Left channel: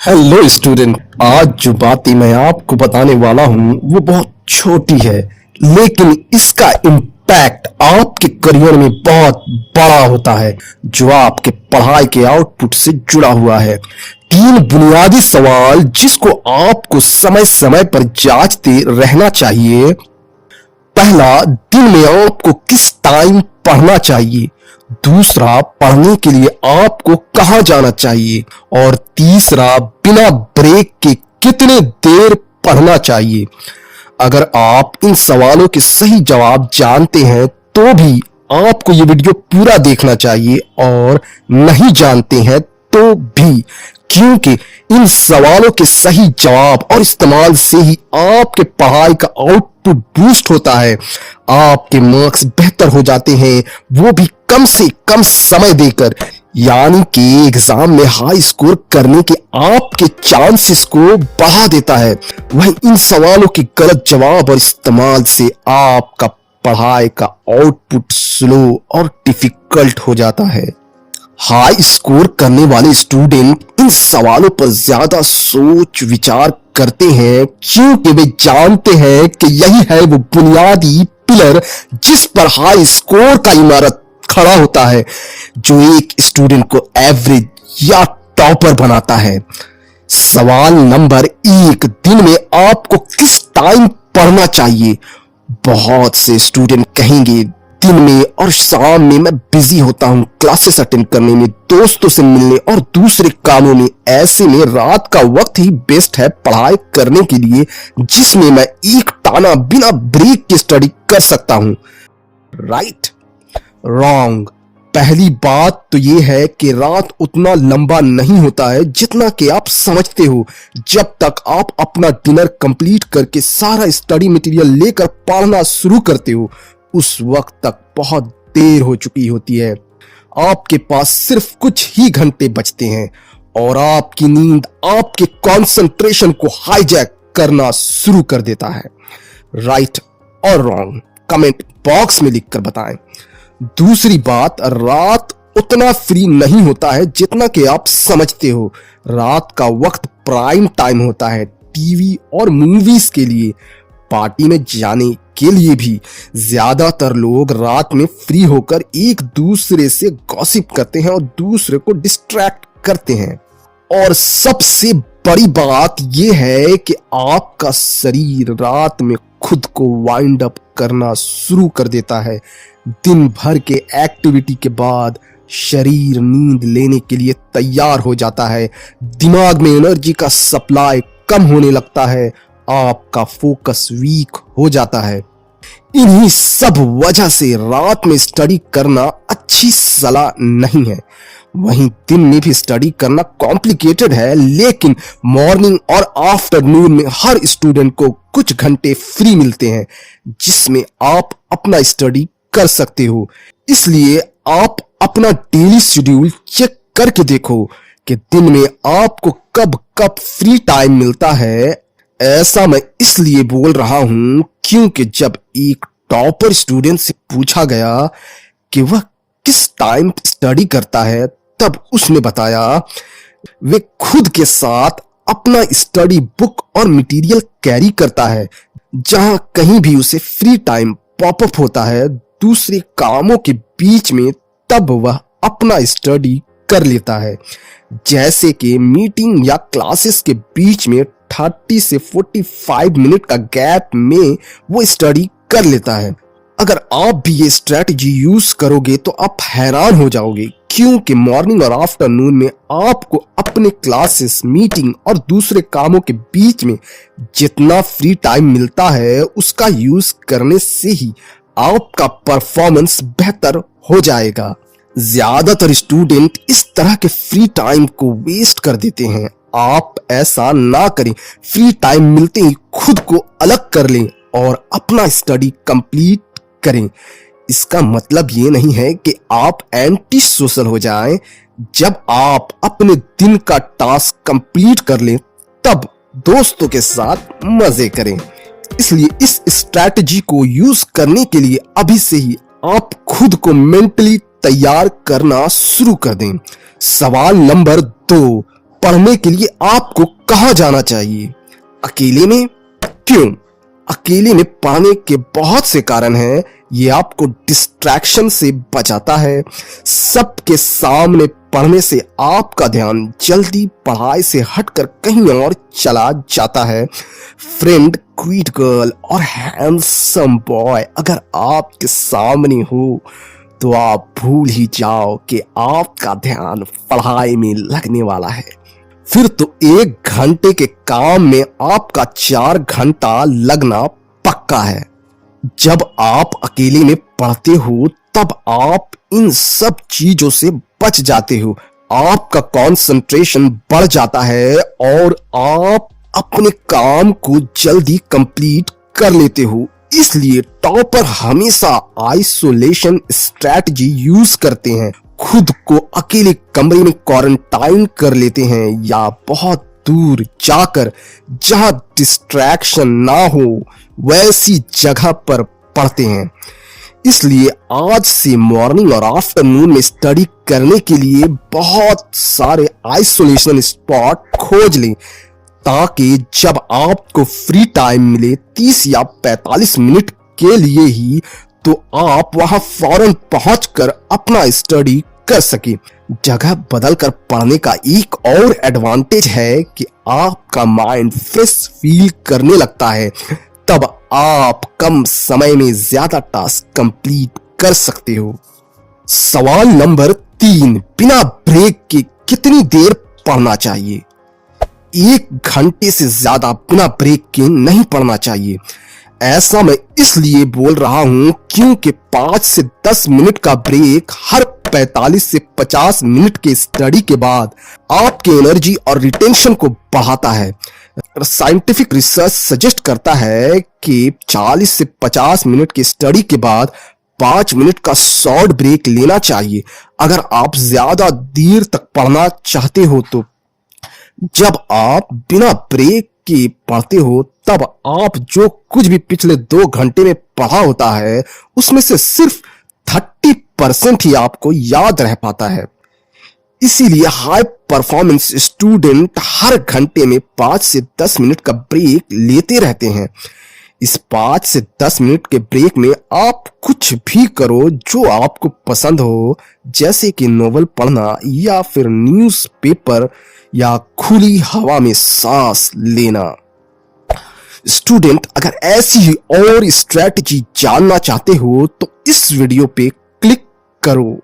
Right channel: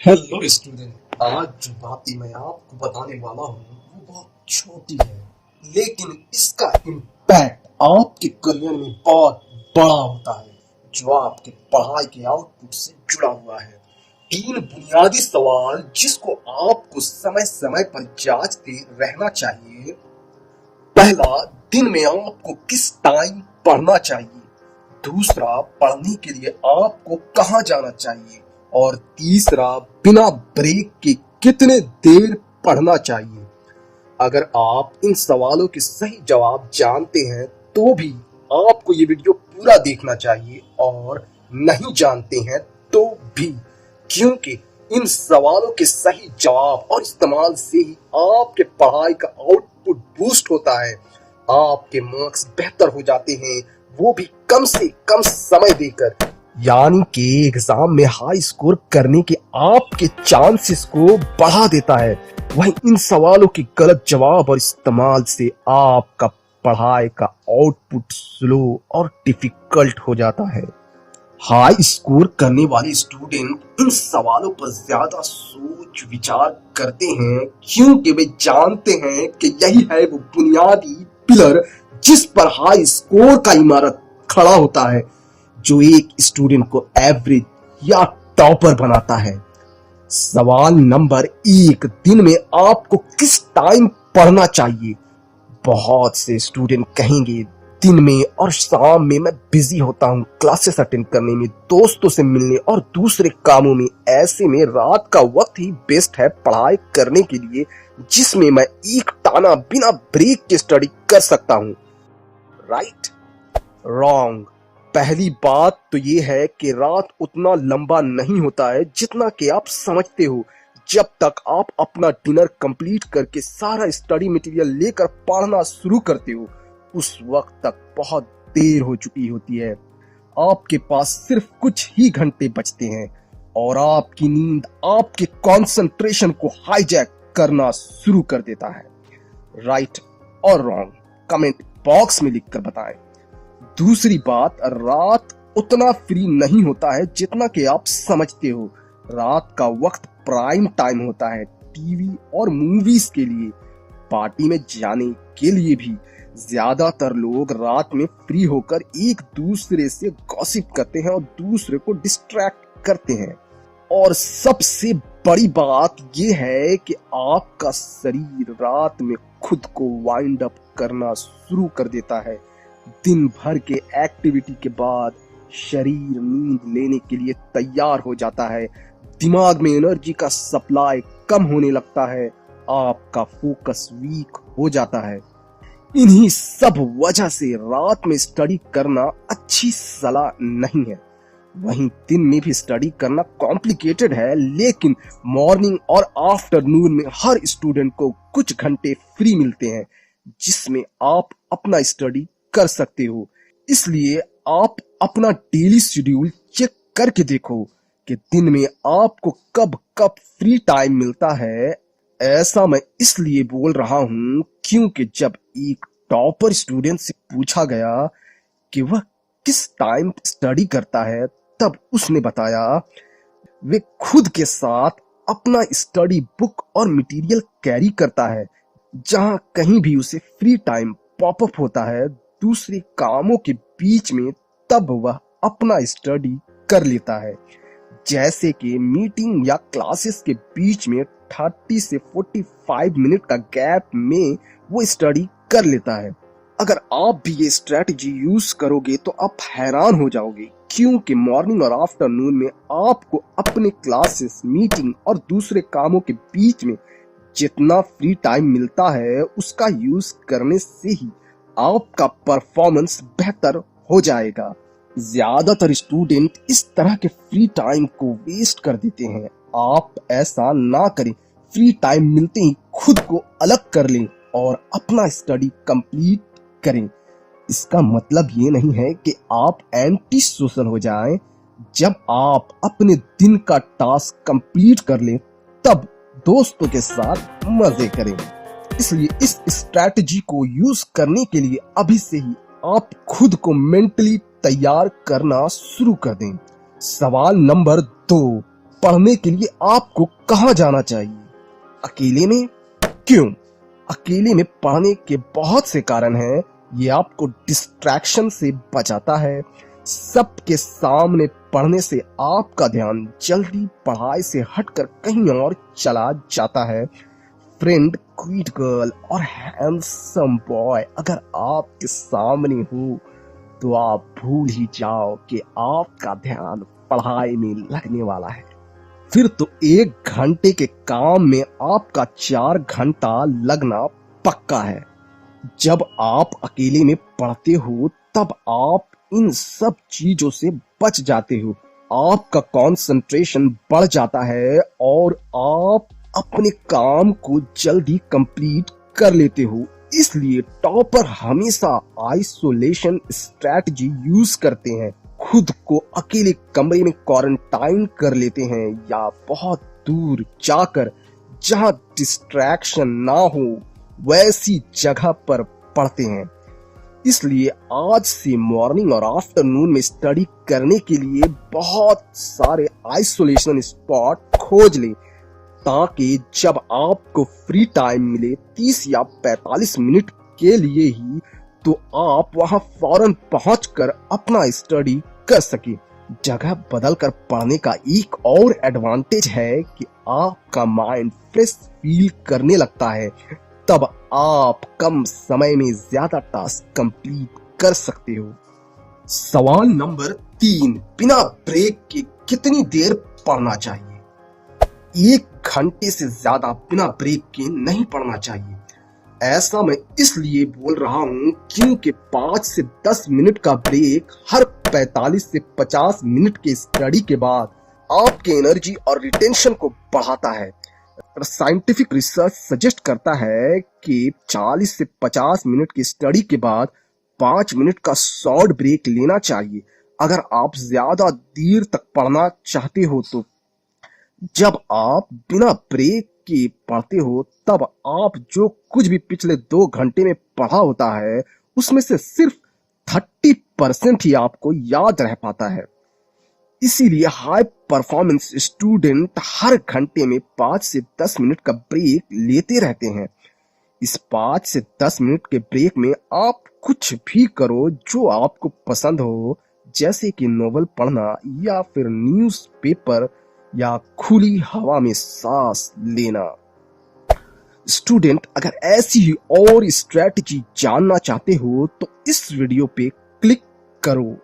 Hello student. आज जो बातें मैं आपको बताने वाला हूँ वो बहुत छोटी है, लेकिन इसका इम्पैक्ट आपके करियर में बहुत बड़ा होता है, जो आपके पढ़ाई के आउटपुट से जुड़ा हुआ है। तीन बुनियादी सवाल जिसको आपको समय समय पर जांचते रहना चाहिए। पहला, दिन में आपको किस टाइम पढ़ना चाहिए। दूसरा, पढ़ने के लिए आपको कहाँ जाना चाहिए। और तीसरा, बिना ब्रेक के कितने देर पढ़ना चाहिए। अगर आप इन सवालों के सही जवाब जानते हैं तो भी आपको ये वीडियो पूरा देखना चाहिए, और नहीं जानते हैं तो भी, क्योंकि इन सवालों के सही जवाब और इस्तेमाल से ही आपके पढ़ाई का आउटपुट बूस्ट होता है, आपके मार्क्स बेहतर हो जाते हैं, वो भी कम से कम समय देकर। यानी कि एग्जाम में हाई स्कोर करने के आपके चांसेस को बढ़ा देता है। वहीं इन सवालों के गलत जवाब और इस्तेमाल से आपका पढ़ाई का आउटपुट स्लो और डिफिकल्ट हो जाता है। हाई स्कोर करने वाले स्टूडेंट इन सवालों पर ज्यादा सोच विचार करते हैं, क्योंकि वे जानते हैं कि यही है वो बुनियादी पिलर जिस पर हाई स्कोर का इमारत खड़ा होता है, जो एक स्टूडेंट को एवरेज या टॉपर बनाता है। सवाल नंबर 1, दिन में आपको किस टाइम पढ़ना चाहिए। बहुत से स्टूडेंट कहेंगे दिन में और शाम में मैं बिजी होता हूँ, क्लासेस अटेंड करने में, दोस्तों से मिलने और दूसरे कामों में। ऐसे में रात का वक्त ही बेस्ट है पढ़ाई करने के लिए, जिसमें मैं एक टाना बिना ब्रेक के स्टडी कर सकता हूँ। राइट? रॉन्ग। पहली बात तो ये है कि रात उतना लंबा नहीं होता है जितना कि आप समझते हो। जब तक आप अपना डिनर कंप्लीट करके सारा स्टडी मटेरियल लेकर पढ़ना शुरू करते हो, उस वक्त तक बहुत देर हो चुकी होती है। आपके पास सिर्फ कुछ ही घंटे बचते हैं और आपकी नींद आपके कंसंट्रेशन को हाईजैक करना शुरू कर देता है। राइट और रॉन्ग कमेंट बॉक्स में लिखकर बताएं। दूसरी बात, रात उतना फ्री नहीं होता है जितना कि आप समझते हो। रात का वक्त प्राइम टाइम होता है टीवी और मूवीज के लिए, पार्टी में जाने के लिए भी। ज्यादातर लोग रात में फ्री होकर एक दूसरे से गॉसिप करते हैं और दूसरे को डिस्ट्रैक्ट करते हैं। और सबसे बड़ी बात यह है कि आपका शरीर रात में खुद को वाइंड अप करना शुरू कर देता है। दिन भर के एक्टिविटी के बाद शरीर नींद लेने के लिए तैयार हो जाता है, दिमाग में एनर्जी का सप्लाई कम होने लगता है, आपका फोकस वीक हो जाता है। इन्हीं सब वजह से रात में स्टडी करना अच्छी सलाह नहीं है। वहीं दिन में भी स्टडी करना कॉम्प्लिकेटेड है, लेकिन मॉर्निंग और आफ्टरनून में हर स्टूडेंट को कुछ घंटे फ्री मिलते हैं, जिसमें आप अपना स्टडी कर सकते हो। इसलिए आप अपना डेली शेड्यूल चेक करके देखो कि दिन में आपको कब कब फ्री टाइम मिलता है। ऐसा मैं इसलिए बोल रहा हूं क्योंकि जब एक टॉपर स्टूडेंट से पूछा गया कि वह किस टाइम स्टडी करता है, तब उसने बताया वे खुद के साथ अपना स्टडी बुक और मटेरियल कैरी करता है। जहां कहीं भी उसे फ्री टाइम पॉपअप होता है दूसरे कामों के बीच में, तब वह अपना स्टडी कर लेता है। जैसे कि मीटिंग या क्लासेस के बीच में 30 से 45 मिनट का गैप में वो स्टडी कर लेता है। अगर आप भी ये स्ट्रेटजी यूज करोगे तो आप हैरान हो जाओगे, क्योंकि मॉर्निंग और आफ्टरनून में आपको अपने क्लासेस, मीटिंग और दूसरे कामों के बीच में जितना फ्री टाइम मिलता है, उसका यूज करने से ही आपका परफॉर्मेंस बेहतर हो जाएगा। ज्यादातर स्टूडेंट इस तरह के फ्री टाइम को वेस्ट कर देते हैं। आप ऐसा ना करें। फ्री टाइम मिलते ही खुद को अलग कर लें और अपना स्टडी कंप्लीट करें। इसका मतलब ये नहीं है कि आप एंटी सोशल हो जाएं। जब आप अपने दिन का टास्क कंप्लीट कर लें, तब दोस्तों के साथ मजे करें। इसलिए इस स्ट्रैटेजी को यूज करने के लिए अभी से ही आप खुद को मेंटली तैयार करना शुरू कर दें। सवाल नंबर 2, पढ़ने के लिए आपको कहाँ जाना चाहिए? अकेले में? क्यों? अकेले में पढ़ने के बहुत से कारण हैं। ये आपको डिस्ट्रैक्शन से बचाता है। सबके सामने पढ़ने से आपका ध्यान जल्दी पढ़ाई से हटकर कहीं और चला जाता है। फ्रेंड, क्यूट गर्ल और हैंडसम बॉय अगर आपके सामने हो तो आप भूल ही जाओ कि आपका ध्यान पढ़ाई में लगने वाला है। फिर तो 1 घंटे के काम में आपका 4 घंटा लगना पक्का है। जब आप अकेले में पढ़ते हो तब आप इन सब चीजों से बच जाते हो। आपका कंसंट्रेशन बढ़ जाता है और आप अपने काम को जल्दी कंप्लीट कर लेते हो। इसलिए टॉपर हमेशा आइसोलेशन स्ट्रैटेजी यूज करते हैं। खुद को अकेले कमरे में क्वारंटाइन कर लेते हैं या बहुत दूर जाकर जहां डिस्ट्रैक्शन ना हो वैसी जगह पर पढ़ते हैं। इसलिए आज से मॉर्निंग और आफ्टरनून में स्टडी करने के लिए बहुत सारे आइसोलेशन स्पॉट खोज लें ताकि जब आपको फ्री टाइम मिले 30 या 45 मिनट के लिए ही तो आप वहां फौरन पहुंचकर अपना स्टडी कर सके। जगह बदलकर पढ़ने का एक और एडवांटेज है कि आपका माइंड फ्रेश फील करने लगता है। तब आप कम समय में ज्यादा टास्क कंप्लीट कर सकते हो। सवाल नंबर 3, बिना ब्रेक के कितनी देर पढ़ना चाहिए? 1 घंटे से ज्यादा बिना ब्रेक के नहीं पढ़ना चाहिए। ऐसा मैं इसलिए बोल रहा हूं क्योंकि 5 से 10 मिनट का ब्रेक हर 45 से 50 मिनट के स्टडी के बाद आपके एनर्जी और रिटेंशन को बढ़ाता है। साइंटिफिक रिसर्च सजेस्ट करता है कि 40 से 50 मिनट की स्टडी के बाद 5 मिनट का शॉर्ट ब्रेक लेना चाहिए अगर आप ज्यादा देर तक पढ़ना चाहते हो। तो जब आप बिना ब्रेक के पढ़ते हो तब आप जो कुछ भी पिछले 2 घंटे में पढ़ा होता है उसमें से सिर्फ 30% ही आपको याद रह पाता है। इसीलिए हाई परफॉर्मेंस स्टूडेंट हर घंटे में 5 से 10 मिनट का ब्रेक लेते रहते हैं। इस 5 से 10 मिनट के ब्रेक में आप कुछ भी करो जो आपको पसंद हो, जैसे कि नोवेल पढ़ना या फिर न्यूज़पेपर या खुली हवा में सांस लेना। स्टूडेंट, अगर ऐसी ही और स्ट्रैटेजी जानना चाहते हो तो इस वीडियो पे क्लिक करो।